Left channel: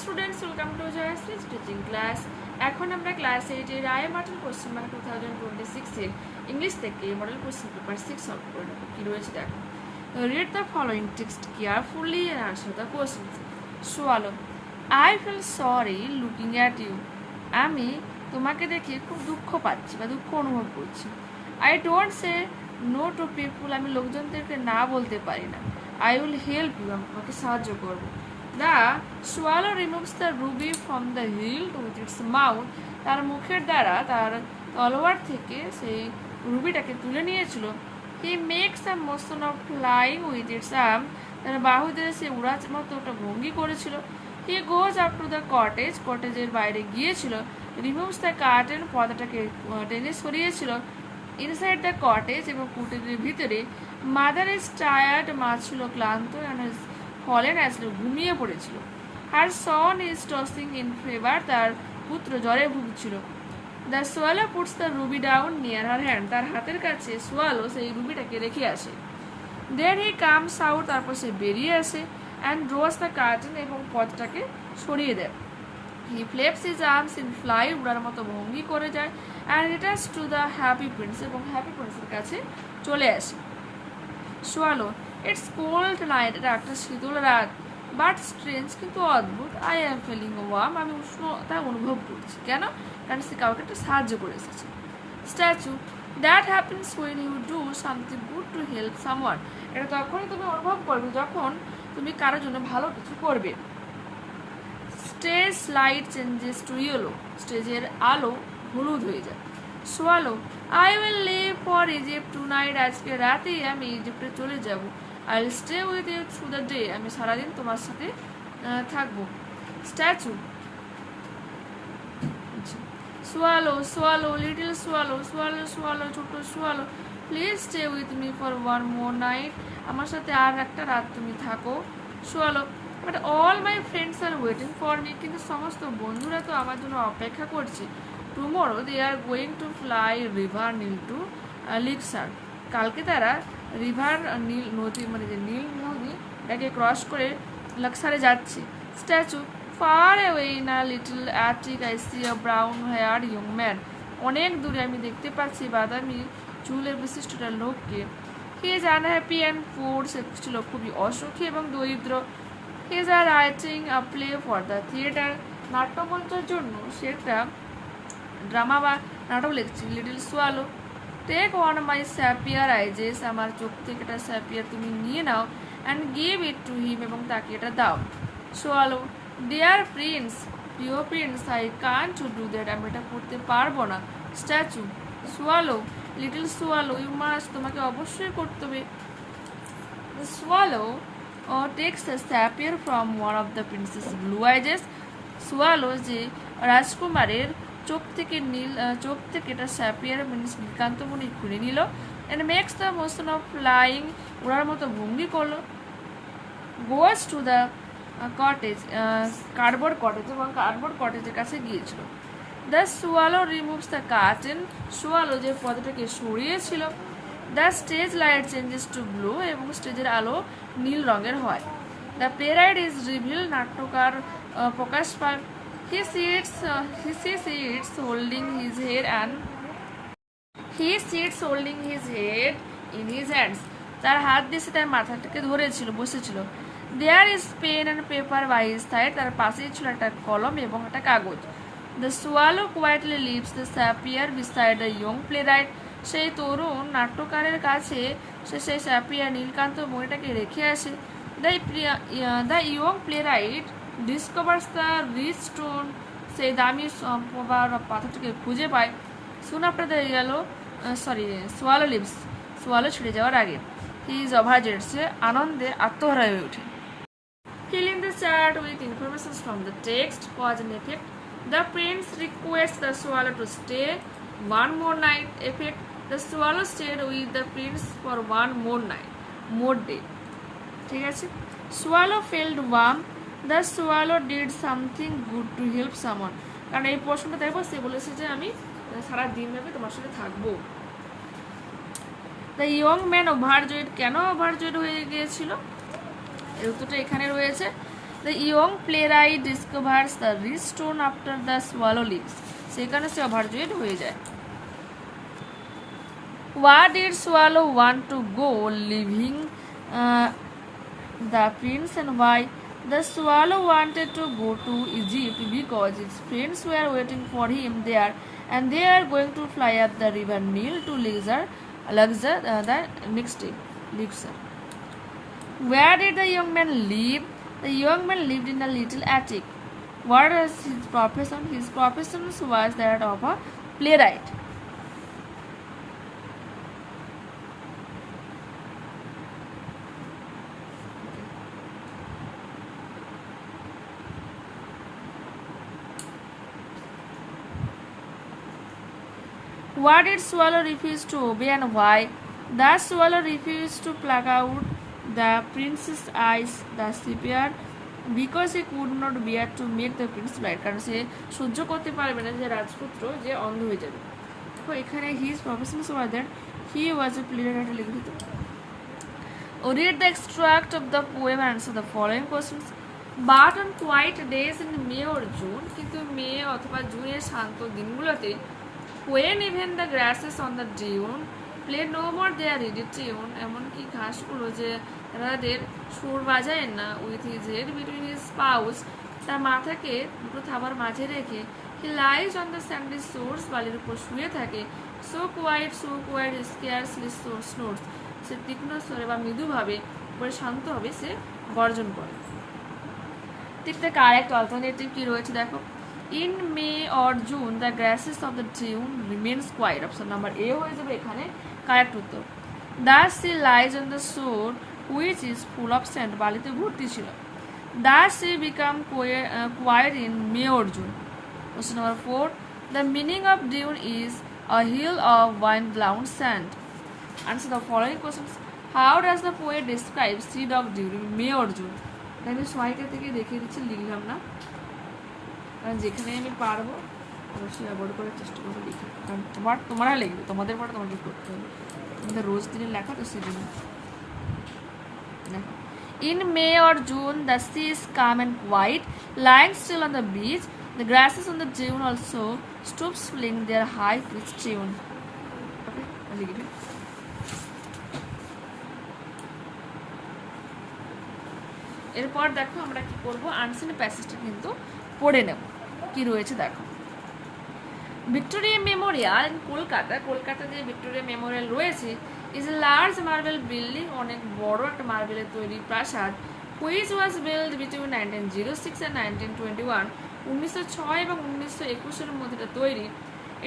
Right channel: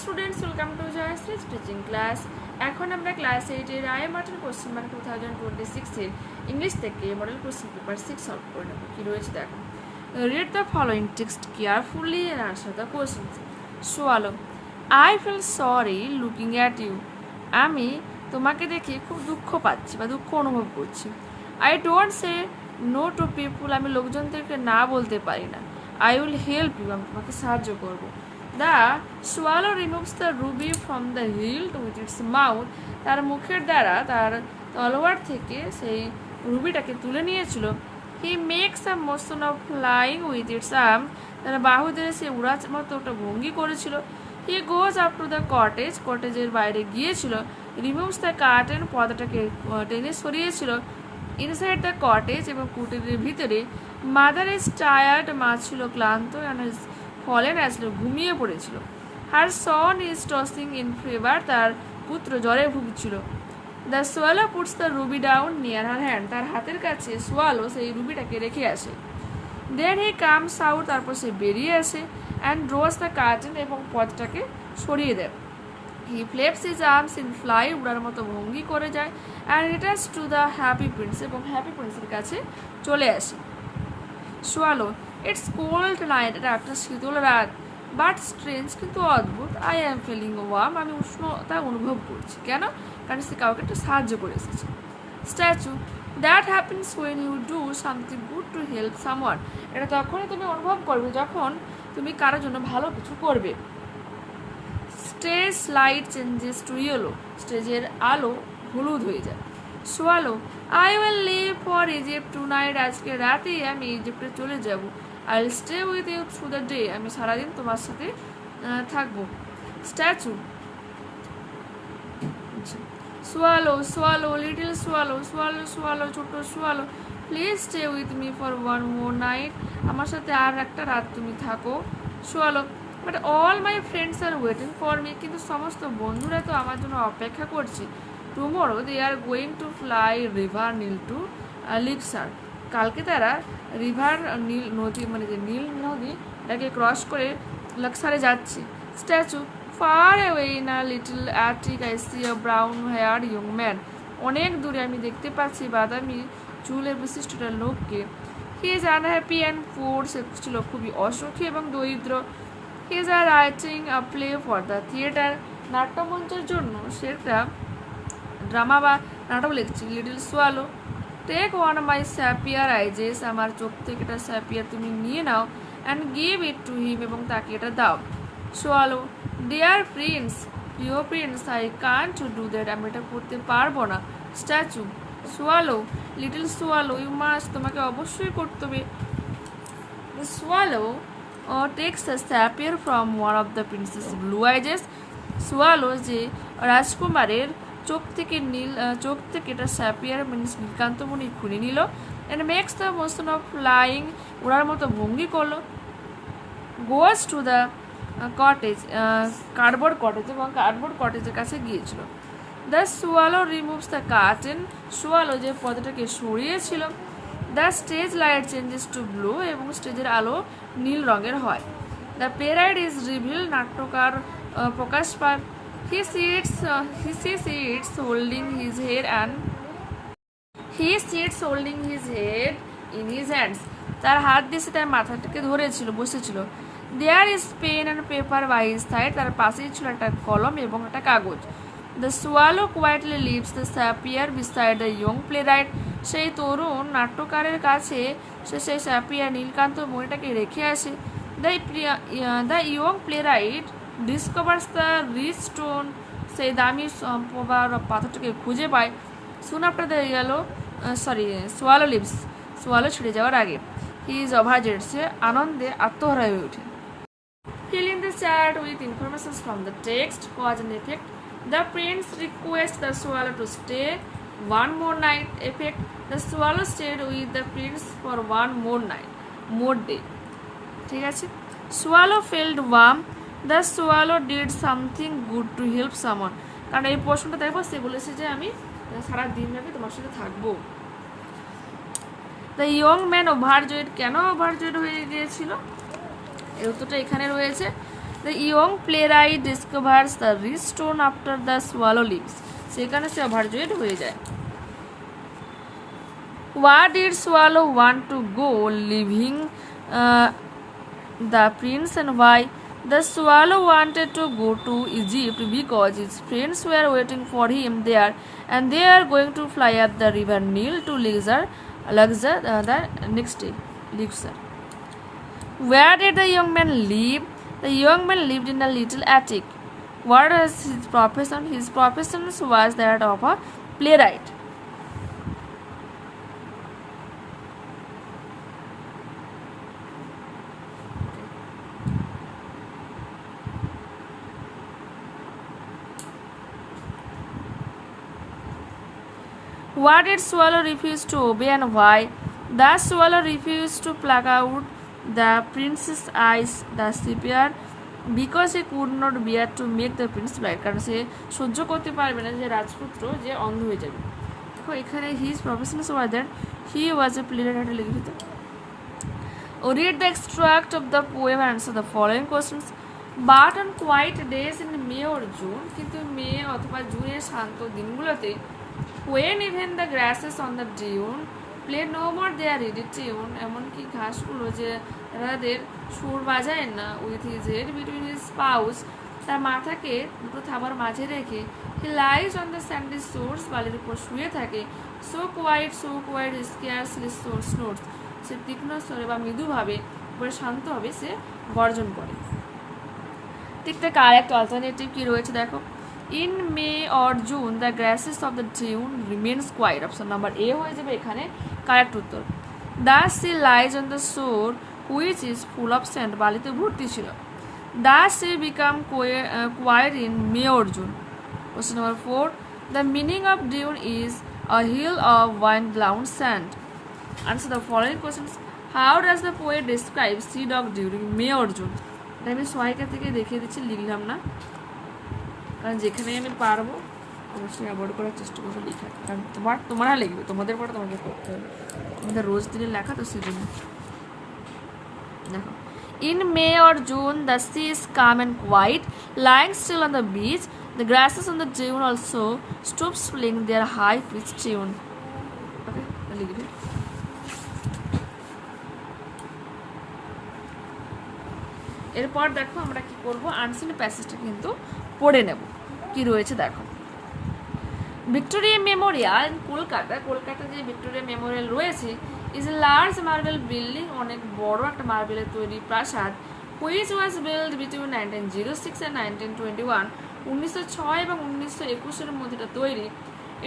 Students, welcome to Jayashree teaching class. এখন আমরা class 8 এর আই মার্টিন কোশ্চেন ব্যাংক 2026 এর ইংলিশ থেকে মডেল কোশ্চেন পেপার 6 সলভ করে নেব। কি রয়েছে দেখো। Read the following text carefully and answer the questions. Swallow, I feel sorry looking at you. আমি তোমাকে দেখে খুব দুঃখ পাচ্ছি বা দুঃখ অনুভব করছি। I don't say no to people. আমি লোকজনদেরকে না বলতে পারি না। I will help you. আমি তোমাকে সাহায্য করবো। The swallow removes the ruby from the hilt with its mouth. তার মুখের দ্বারা তার তলোয়ার থেকে সেই রুবিটাকে তুলে নিয়েছিল। He makes a motion of flying with its arm. তার বাহু দিয়ে সে উড়ার মতো একটা ভঙ্গি করেছিল। He goes up to the cottage. কটেজের বাইরে গিয়েছিল। Removes the curtain. পর্দাটাকে টেনে সরিয়েছিল। Inside the cottage এবং কুটিরের ভিতরে মাদার ইজ টায়ার্ড। মা ছিল ক্লান্ত and ফলেন আসলে ঘুমিয়ে পড়েছিল। Her son is tossing in fever. তার পুত্র জ্বরে ভুগছিল। The swallow puts the ruby down near her hand. তার হাতের কাছে সোয়ালো সেই রুবিটাকে রেখে আসে। Then he comes out. তারপর সে বেরিয়ে আসে অ্যান্ড ড্রস দ্য কার্টেন এবং পথটাকে সরিয়ে দেয়। He flaps his arms in fly. উড়ার মতো ভঙ্গি করে যায় and returns to the happy prince এবং হ্যাপি প্রিন্সের কাছে চলে আসে। Swallow, it's cold night. এটা একটা শীতল রাত। বাট স্ট্রেঞ্জ, কিন্তু অদ্ভুত। I am feeling warm. আমি উষ্ণতা অনুভব করছি। কেন? কারণ সে কাউকে একটা সাহায্য করে এসেছে। Statue, that happens when you do something good to help someone. এটা তখনই তুমি অনুভব করবে যখন তুমি কারোর জন্য ভালো কিছু করবে। Stage light changes to yellow. স্টেজের আলো হলুদ হয়ে যায়। Swallow, I will leave for Egypt to night. আজকে রাতেই আমি ইজিপ্টে চলে যাব। I will stay with you through the day. আমি সারাদিন তোমার সাথে থাকবো। Statue, swallow, swallow, little swallow, swallow, swallow, ছোট swallow, please stay with me for one more night. আমার সাথে আর একটা রাত তুমি থাকো। Swallow, but all my friends R waiting for me. কিন্তু সমস্ত বন্ধুরা তো আমার জন্য অপেক্ষা করছে। Tomorrow they are going to fly river Nile to Luxor. কালকে তারা রিভার নীল নদী মানে যে নীল নদী এটাকে ক্রস করে লাক্সারে যাচ্ছে। Statue, far away in a little attic I see a brown hair young man. অনেক দূরে আমি দেখতে পাচ্ছি বাদামি চুলের বিশিষ্ট একটা লোককে। He is unhappy and poor. সে ছিল খুবই অসুখী এবং দরিদ্র। He is are writing a play for the theatre. নাট্যমঞ্চের জন্য সে একটা ড্রামা বা নাটক লিখছি। Little swallow, take one my sapphire eyes. আমার চোখ থেকে একটা স্যাপিয়ার তুমি নিয়ে নাও and give it to him এবং তাকে এটা দাও। সোয়ালো, ডিয়ার প্রিন্স, প্রিয় prince, I can't do that. আমি এটা করতে পারবো না। Statue, swallow, little swallow, you must. তোমাকে অবশ্যই করতে হবে। Swallow takes the sapphire from one of the prince's blue eyes. Swallow যে রাজকুমারের চোখ থেকে এটা স্যাপিয়ার মিনস নীলকান্তমণি খুলে নিল and makes the motion of flying. ওড়ার মতো ভঙ্গি করলো। Goes to the cottage, cardboard cottage এবং কার্ডবোর্ড কটেজের কাছে গিয়েছিল। The swallow removes the curtain. Swallow যে পর্দাটাকে সরিয়েছিল। The stage light changes to blue এবং স্টেজের আলো নীল রঙের হয়। The playwright is reveal. নাট্যকার প্রকাশ পায়। He sits holding his head in his hands. তার হাত দিয়ে সে তার মাথাটাকে ধরেছিল, বসেছিল। There is pen and paper by his side. তার পাশেই ছিল একটা কলম এবং একটা কাগজ। The swallow quietly leaves the sapphire beside the young playwright. সেই তরুণ নাট্যকারের কাছে সে সেই স্যাপিয়ার নীলকান্ত মণিটাকে রেখে আসে। The young playwright discovers the rich stone. সেই দামি পাথরটাকে খুঁজে পায়। Soon after the swallow leaves. সোয়ালো ছেড়ে যাওয়ার আগে। He is ওভারজয়েড। সে আনন্দে আত্মহারা হয়ে ওঠে। Fill in the chat with information from the text, cause and effect. The prince request the swallow to stay one more night. Effect, the swallow stayed with the prince for one more day. ঠিক আছে। Swallow felt warm. The swallow did something good to help someone. কারণ এই প্রশ্নটা দেখবো, সে বলেছে যে আমি সারা দিন ভাবে তোমার সাথে থাকবো। The young man overjoyed. কেন ওভারজয়েড হয়ে গিয়েছিল এর উত্তরটা এখানে রয়েছে। The young playwright discovers the rich stone after the swallow leaves, সেখানে সে ওভারজয়েড হয়ে যায়। Why did Swallow want to go, leaving the prince, and why? The swallow wanted to go to Egypt because his friends were waiting for him there, and they are going to fly up the river Nile to Luxor the next day. Luxor. Where did the young man live? The young man lived in a little attic. What was his profession? His profession was that of a playwright. Why did Swallow refuse to obey, and why? The swallow refused to pluck out the prince's eyes, the sepia, because he could not bear to make the prince blind. কারণ সে সহ্য করতে পারবে না যে রাজপুত্র যে অন্ধ হয়ে যাবে। দেখো এখানে his profession was that he was a playwright লিখিত। Read the extract of the poem and answer the following questions. But on quiet days in May or June, কিন্তু মে অথবা জুনের শান্ত দিনগুলোতে, when even the grasses on the dune play no more their ready tune, এমনকি ঘাসগুলো যে তাদের সুর বাজায় না, with his head between his paws, তার মাথাকে দুটো থাবার মাঝে রেখে, he lies on the sandy shores, বালির উপর শুয়ে থাকে, so quiet, scarcely so snores, সে তীক্ষ্ণ স্বরে বা মৃদুভাবে বলে শান্তভাবে সে গর্জন করে। ঠিক তার কারেক্ট অল্টারনেটিভ কি রয়েছে দেখো, in May or June the grasses of the dune remains quiet, option number A হয়ে যাবে এখানে কারেক্ট উত্তর। Does she lies on the shore which is full of sand, বালিতে ভর্তি ছিল। Does she become quiet in May or June? Question number 4, the meaning of dune is a hill of wind-blown sand. Answer the following questions. How does the poet describe seed of during May or June? আমি সহায়িকা থেকে দেখিয়ে দিচ্ছি, লিখলাম না কারণ যেখানে আমি পারবো অবশ্যই অ্যাভয়েড করার চেষ্টা করবো লিখে, কারণ তোমরা লিখবে, তোমাদের পরে তোমাদের করতে হবে, তোমাদের রোজ দিনের লেখা তো সেজন্য দেখো। In May or June the sea is calm and quiet, lying still on the beach, the grasses on the dune also stop playing their high pitched tune. Okay, লিখবে। এরপর দেখো আমরা কি করব, আনসিন প্যাসেজটা কিন্তু পড়ে নেব কি রয়েছে দেখো। ভিক্টোরিয়া মেমোরিয়াল ইন কলকাতা যে ভিক্টোরিয়া মেমোরিয়াল রয়েছে is a large marble building, অনেক বড় একটা মার্বেলের তৈরি প্রাসাদ, which was build between 1906 and 1921, 1906 এবং 1921 মধ্যে এটা তৈরি।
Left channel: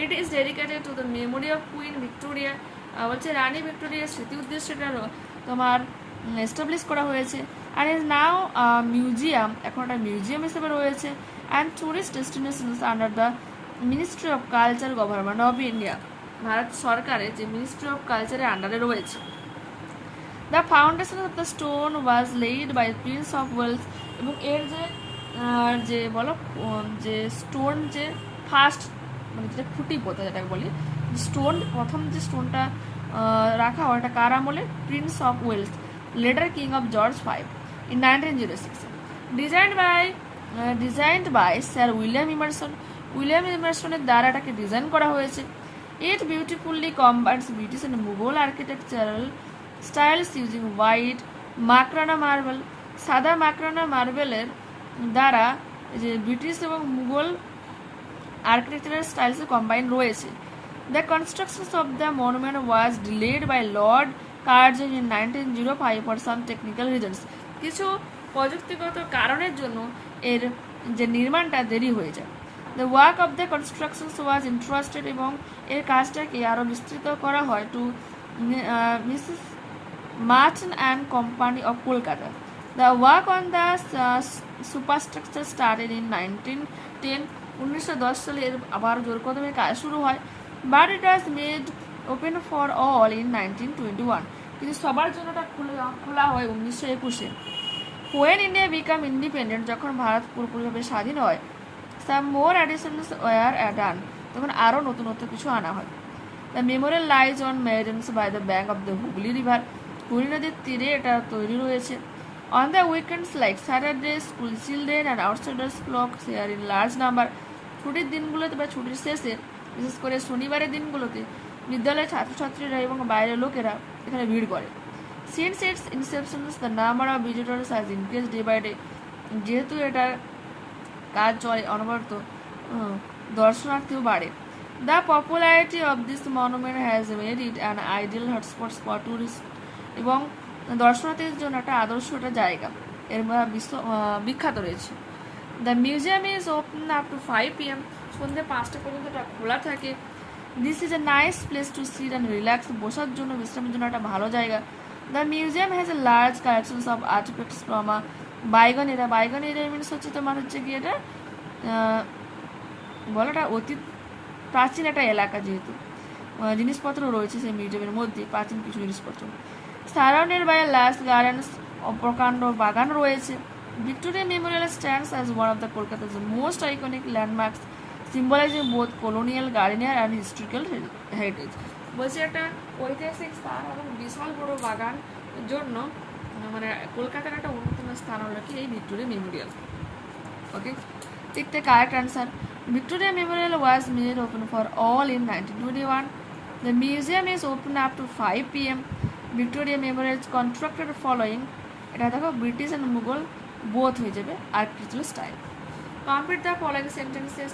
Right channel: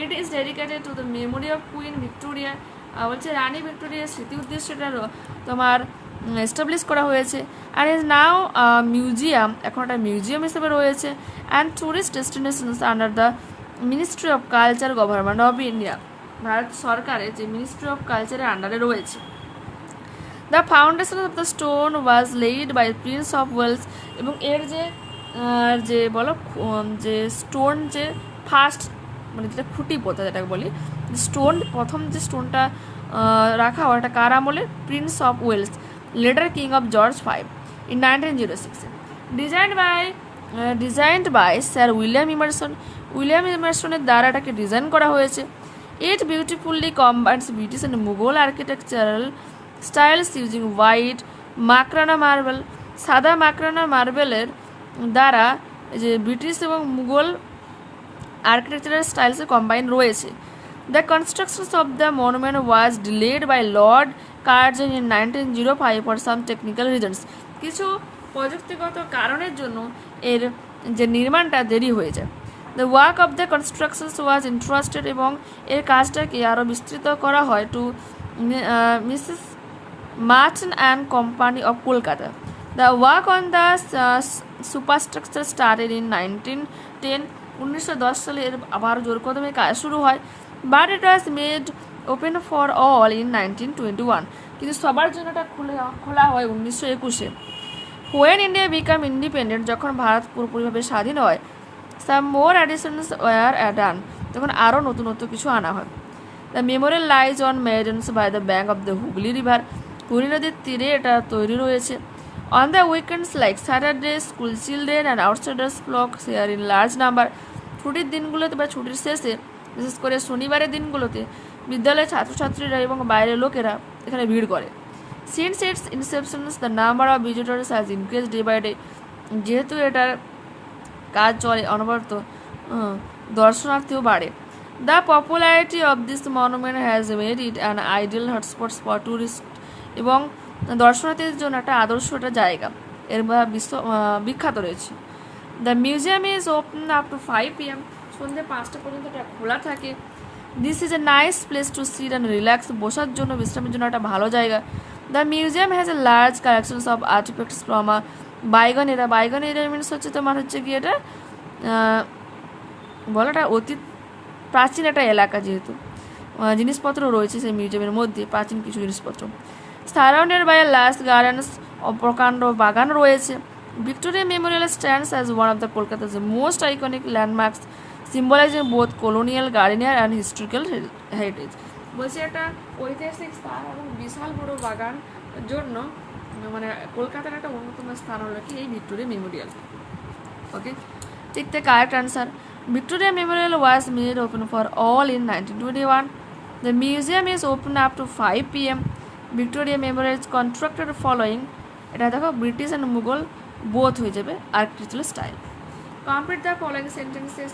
It is dedicated to the memory of queen Victoria, বলছে রানী ভিক্টোরিয়ার স্মৃতি উদ্দেশ্যে এটা তোমার এস্টাবলিশ করা হয়েছে। আর ইজ নাও মিউজিয়াম, এখন একটা মিউজিয়াম হিসেবে রয়েছে। And tourist destinations under the ministry of culture government of India, ভারত সরকারের যে মিনিস্ট্রি অফ কালচারের আন্ডারে রয়েছে। The foundation of the stone was laid by prince of Wales, এবং এর যে বলো যে স্টোন যে ফার্স্ট মানে যেটা খুঁটি পোতা যেটাকে বলি স্টোন, প্রথম যে স্টোনটা রাখা হয় এটা কার আমলে, prince of Wales, later king of George V in 1906, designed by Sir William Emerson, এর দ্বারা এটাকে ডিজাইন করা হয়েছে। It beautifully combines British and Mughal architectural styles using white Makrana marble, সাদা মাকরানা মার্বেলের দ্বারা যে ব্রিটিশ এবং মুঘল আর্কিটেকচারাল স্টাইলসে কম্বাইন রয়েছে। The construction of the monument was delayed by Lord Curzon in 1905 for some technical reasons, কিছু প্রযুক্তিগত কারণের জন্য এর যে নির্মাণটা দেরি হয়ে যায়। The work of the construction was entrusted, এবং এর কাজটাকে আরও বিস্তৃত করা হয় to Mrs Merchant and company of Kolkata. The work on the superstructure started in 1910, 1910 সালে এর আবার জোর কদমে কাজ শুরু হয়। But it was made open for all in 1921, কিন্তু সবার জন্য এটা খোলা হয় 1921-এ। When India became independent, যখন ভারত পুরোপুরিভাবে স্বাধীন হয়, some more additions were done, তখন আরও নতুনত্ব কিছু আনা হয়। The memorial lies on Maidens by the bank of the Hooghly River, Hooghly নদীর তীরে এটা তৈরি রয়েছে। On the weekends like Saturday, school children and outsiders flock here in large number. ছুটির দিনগুলোতে বা ছুটির শেষে বিশেষ করে শনিবারের দিনগুলোতে বিদ্যালয়ের ছাত্রছাত্রীরা এবং বাইরের লোকেরা এখানে ভিড় করে। Since its inception, the number of visitors has increased day by day. যেহেতু এটার কাজ চলে অনবরত দর্শনার্থীও বাড়ে। The popularity of this monument has made it an ideal hotspot for tourists এবং দর্শনার্থীদের জন্য একটা আদর্শ একটা জায়গা এর বিখ্যাত রয়েছে। The museum is open up to 5 p.m. সন্ধ্যে 5টা পর্যন্ত এটা খোলা থাকে। This is a nice place to sit and relax. বসার জন্য বিশ্রামের জন্য একটা ভালো জায়গা। The museum has a large collections of artifacts from a bygone era. Bygone era means হচ্ছে তোমার হচ্ছে কি এটা বলাটা অতি প্রাচীন একটা এলাকা, যেহেতু জিনিসপত্র রয়েছে সেই মিউজিয়ামের মধ্যে প্রাচীন কিছু জিনিসপত্র। সারাউন্ডেড বাই লার্জ গার্ডেন্স, প্রকাণ্ড বাগান রয়েছে। Victoria Memorial stands as one of the Kolkata's most iconic landmarks symbolising both colonial grandeur and historical heritage. বলছে একটা ঐতিহাসিক স্থান এবং বিশাল বড় বাগান জন্য মানে কলকাতার একটা অন্যতম স্থান হলো কি এই ভিক্টোরিয়া মেমোরিয়াল। ওকে, ঠিক the correct answer. Victoria Memorial was made open for all in 1921. The museum is open up to 5 p.m. Victoria Memorial is constructed following এটা দেখো ব্রিটিশ and মুঘল both হয়ে যাবে architectural style. Complete the following sentences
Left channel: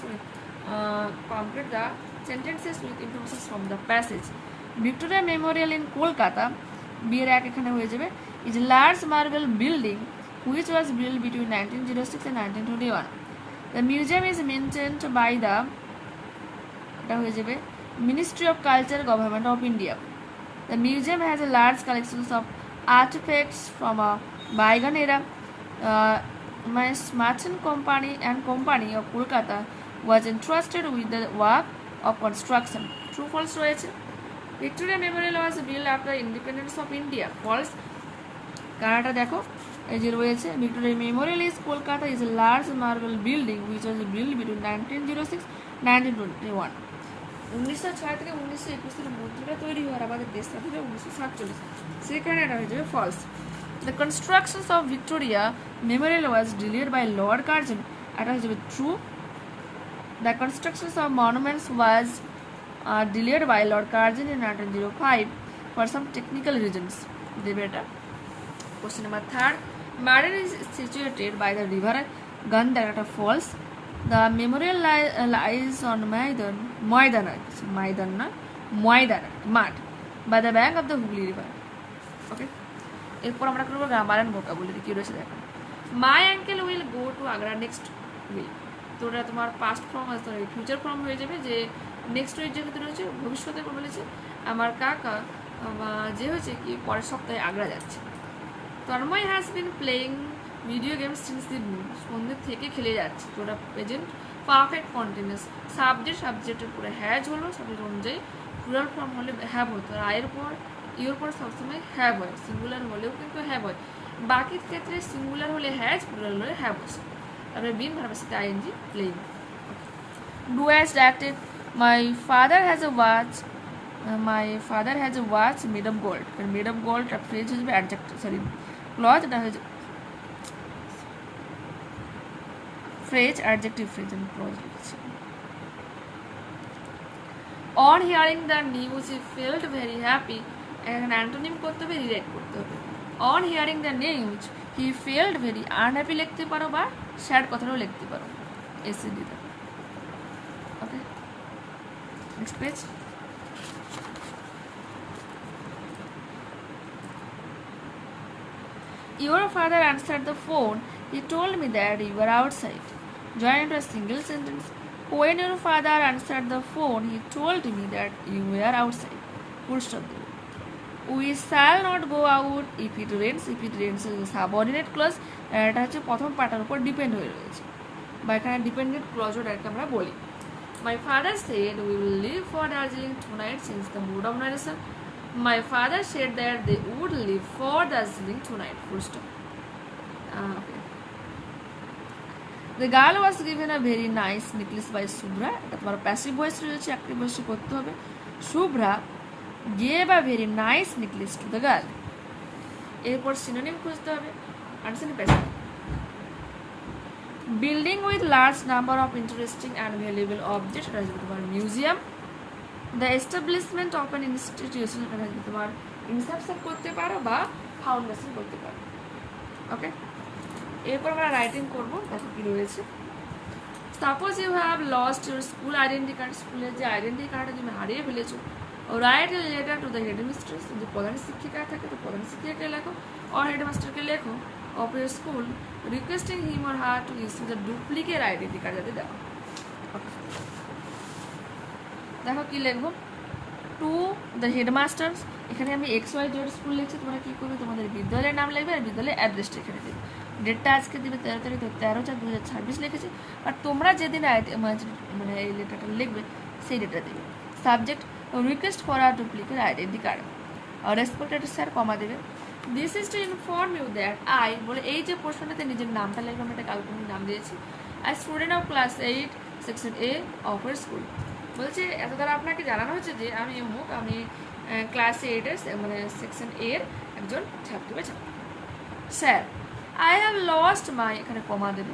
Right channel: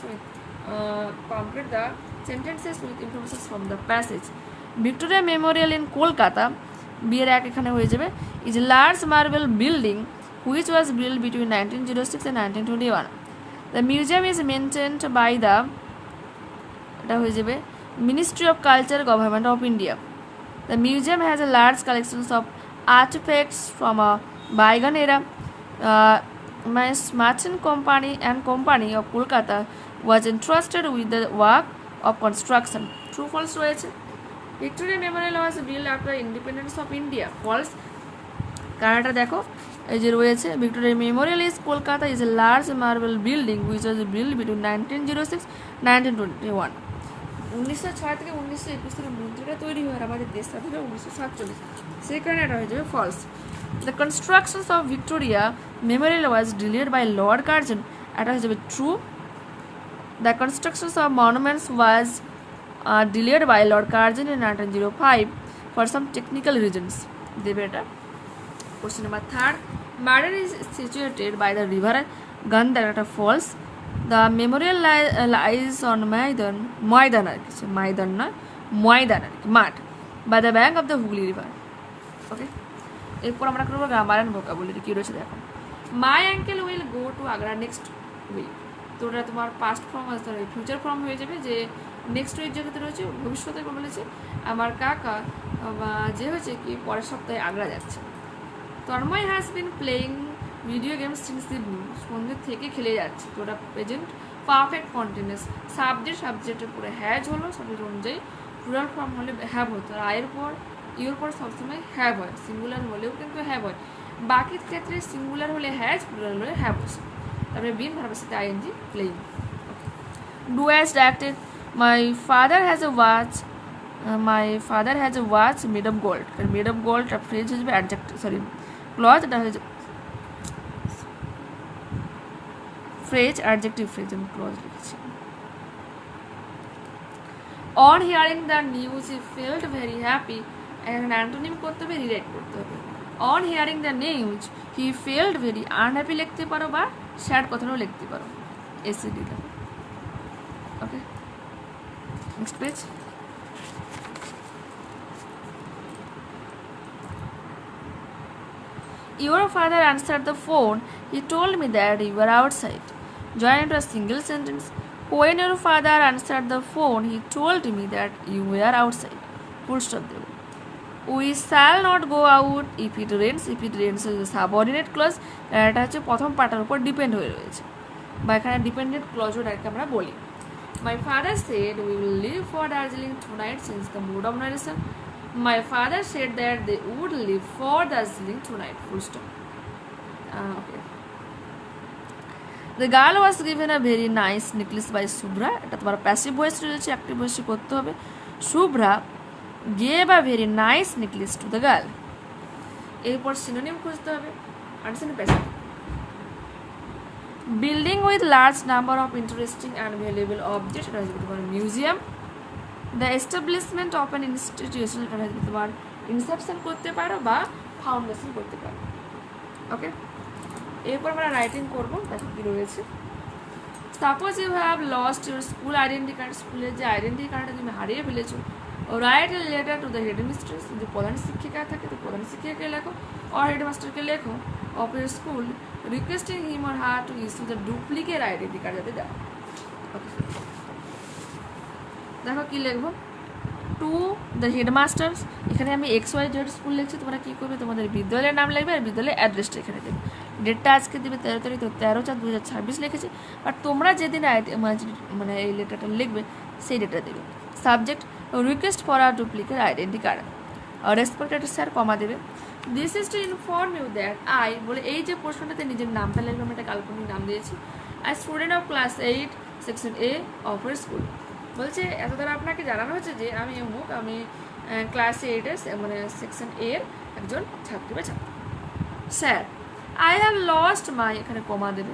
with information from the passage. Victoria Memorial in Kolkata বিয়ের এক এখানে হয়ে যাবে is a large marble building which was built between 1906 and 1921. The museum is maintained by the এটা হয়ে যাবে Ministry of Culture, Government of India. The museum has a large collections of artifacts from a bygone era. My merchant company of Kolkata was entrusted with the work of construction. True, false রয়েছে। Victoria Memorial was built after independence of India. False, কারণটা দেখো এই যে রয়েছে Victoria Memorial is Kolkata is a large marble building which was build between 1906 1921। 1906 থেকে 1921 এর মধ্যে তৈরি হওয়ার আমাদের দেশ স্বাধীন 1947, সেই কারণে এটা হয়ে যাবে false. The constructions of Victoria Memorial was delayed by Lord Curzon, এটা হয়ে যাবে true. The constructions of monuments was delayed by Lord Curzon in 1905 for some technical reasons. দেবে এটা। Question number 3. Marder is situated by the river Gandhar, এটা false. The memorial lies on ময়দান মাঠ by the bank of the Hooghly river. Okay. এরপর আমরা করব grammar and vocabulary. কি রয়েছে দেখো। My uncle will go to Agra next week. তো এটা তোমার পাস্ট ফর্ম আসতে হবে, ফিউচার ফর্ম হয়ে যাবে যে নেক্সট উইক যেহেতু রয়েছে ভবিষ্যতে বলেছে আমার কাকা যে হচ্ছে কি পরের সপ্তাহে আগ্রা যাচ্ছে। Tanmoy has been playing video games since evening, সন্ধ্যে থেকে খেলে যাচ্ছে। তো ওটা প্রেজেন্ট পারফেক্ট কন্টিনিউয়াস। সাবজেক্টের পরে হ্যাজ হলো, সবের অনুযায়ী প্লুরাল ফর্ম হলে হ্যাভ হতো, আর আয়ের পর ইওর পর সবসময় হ্যাভ হয়, সিঙ্গুলার হলেও কিন্তু হ্যাভ হয়। বাকি ক্ষেত্রে সিঙ্গুলার হলে হ্যাজ, প্লুরাল হলে হ্যাভ হচ্ছে। তারপরে বিন ভার্বের সাথে ING playing. Do as directed. My father has a watch made of gold. Made of gold a phrase is adjective, sorry, cloth that is phrase adjective phrase and clause. On hearing the news he felt very happy, and an antonym করতে হবে, relate করতে হবে। On hearing the news he felt very unhappy লিখতে পারো বা sad কথাটাও লিখতে পারো, এসি দিতে। ওকে, next page. Your father answered the phone. He told me that you were outside. Join into a single sentence. When your father answered the phone, he told me that you were outside. Full stop. We shall not go out if it rains. If it rains is a subordinate clause. এটা হচ্ছে প্রথম পার্টের উপর depend হয়ে রয়েছে, বা এখানে dependent ক্লজও direct আমরা বলি। My father said we will leave for Darjeeling tonight since the mood of narration. My father said that they would leave for Darjeeling tonight. Full stop. Okay. The girl was given a very nice necklace by Subhra. এটা তোমার passive voice রয়েছে, active ভয়েসে করতে হবে। Subhra gave a very nice necklace to the girl. এরপর synonym খুঁজতে হবে। Understanding passage. Building with large number of interesting and valuable object, এটা হচ্ছে তোমার museum. The establishment of an institution, এটা হচ্ছে তোমার ইনসেপশন করতে পারো বা ফাউন্ডেশন করতে পারো। ওকে, এরপর আমরা রাইটিং করবো। দেখো কি রয়েছে। Suppose you have lost your school identity card, স্কুলের যে আইডেন্টি কার্ডটা তুমি হারিয়ে ফেলেছো। Write a letter to the headmistress, যদি প্রধান শিক্ষিকা থাকে তো প্রধান শিক্ষিকাকে লেখো, আর হেডমাস্টারকে লেখো of your school, requesting him or her to issue the duplicate identity card যাতে দেওয়া। দেখো কি লিখবো, টু দ্য হেডমাস্টার্স, এখানে আমি XYZ স্কুল লিখছি, তোমরা কী করবে, তোমাদের বিদ্যালয়ের নাম লিখবে আর বিদ্যালয়ের অ্যাড্রেসটা এখানে দেবে। ডেটটা আজকে দেবে 13 তারিখ, তো 13/4/2026 লিখেছে। আর তোমরা যেদিন মানে এই লেটারটা লিখবে সেই ডেটটা দেবে। Subject request for uh duplicate identity card, uh respected sir comma দেবে। This is to inform you that I, বলে এই যে প্রশ্নটাতে নিজের নামটা লিখবে, আমি একটা কাল্পনিক নাম দিয়েছি। I student of class 8 section A of our school. বলছে এত দ্বারা আপনাকে জানানো হচ্ছে যে আমি অমুক, আমি ক্লাস 8 মানে সেকশন A এর একজন ছাত্রী বা ছাত্রী। Sir I have lost my, এখানে কমা দেবে।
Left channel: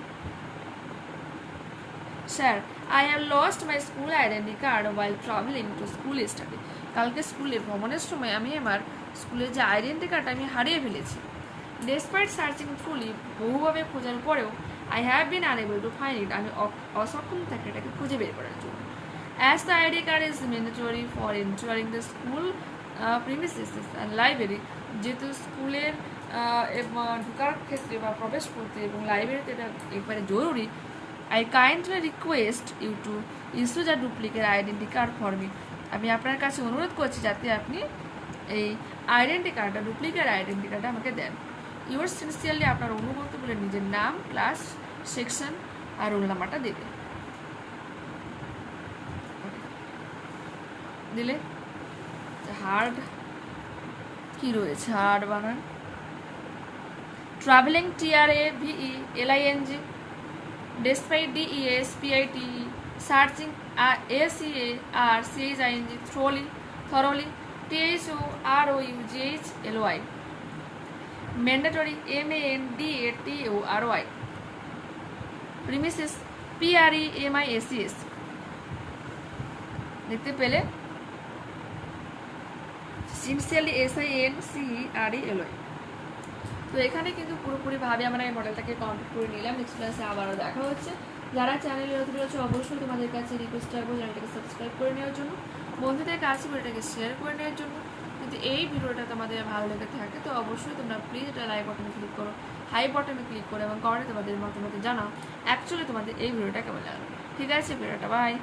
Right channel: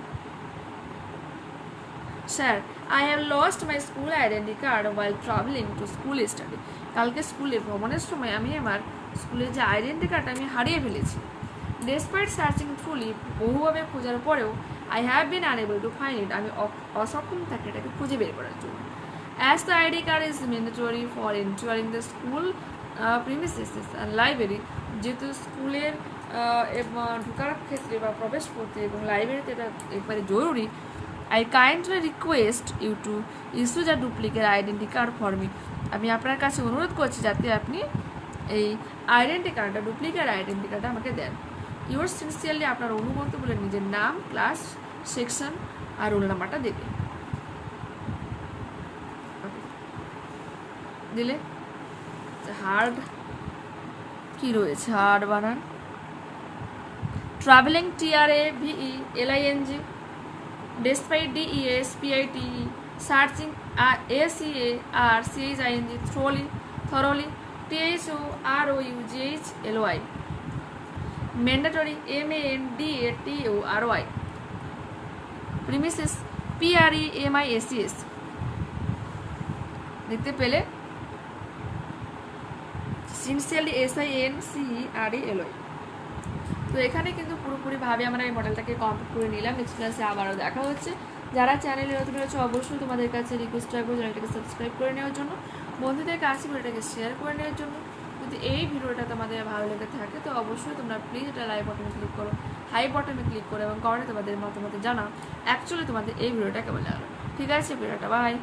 Sir I have lost my school identity card while travelling to school study, কালকে স্কুলে ভ্রমণের সময় আমি আমার স্কুলের যে আইডেন্টি কার্ডটা আমি হারিয়ে ফেলেছি। ডেসপাইট সার্চিং থ্রুলি, বহুভাবে খোঁজার পরেও I have been unable to find it, আমি অসক্ষম থাকি এটাকে খুঁজে বের করার জন্য। As the ID card is mandatory for entering the school premises and library, যেহেতু স্কুলের ঢোকার ক্ষেত্রে বা প্রবেশ করতে এবং লাইব্রেরিতে এটা একবারে জরুরি। I kindly request you to issue the duplicate identity card for me, আমি আপনার কাছে অনুরোধ করছি যাতে আপনি এই আইডেন্টি কার্ডটা, ডুপ্লিকেট আইডেন্টি কার্ডটা আমাকে দেন। ইউর সিনসিয়ারলি, আপনার অনুগত বলে নিজের নাম, ক্লাস, সেকশন আর রোল নাম্বারটা দেবে। দিলে হার্ড কি রয়েছে, হার্ড বানান travelling TRAVELING, despite DESPIT, searching ACARCHING, thoroughly THOROUGHLY, mandatory MANDATORY, premises PREMISES। দেখতে পেলে সিনসিয়ারলি SINCERELY। তো এখানে কিন্তু পুরোপুরিভাবে আমরা এই মডেলটাকে কমপ্লিট করে নিলাম। নেক্সট ক্লাসে আবারও দেখা হচ্ছে। যারা চ্যানেলে নতুন রয়েছে অবশ্যই তোমাদের কাছে রিকোয়েস্ট রাখবো চ্যানেলটাকে সাবস্ক্রাইব করে নেওয়ার জন্য, বন্ধুদের কাছে ভিডিওটাকে শেয়ার করে নেওয়ার জন্য। যদি এই ভিডিওটা তোমাদের ভালো লেগে থাকে তো অবশ্যই তোমরা প্লিজ এটা লাইক বাটনে ক্লিক করো, হাই বাটনে ক্লিক করো এবং কমেন্টে তোমাদের মতামত জানাও অ্যাকচুয়ালি তোমাদের এই ভিডিওটা কেমন লাগবে। ঠিক আছে, ভিডিওটা বাই।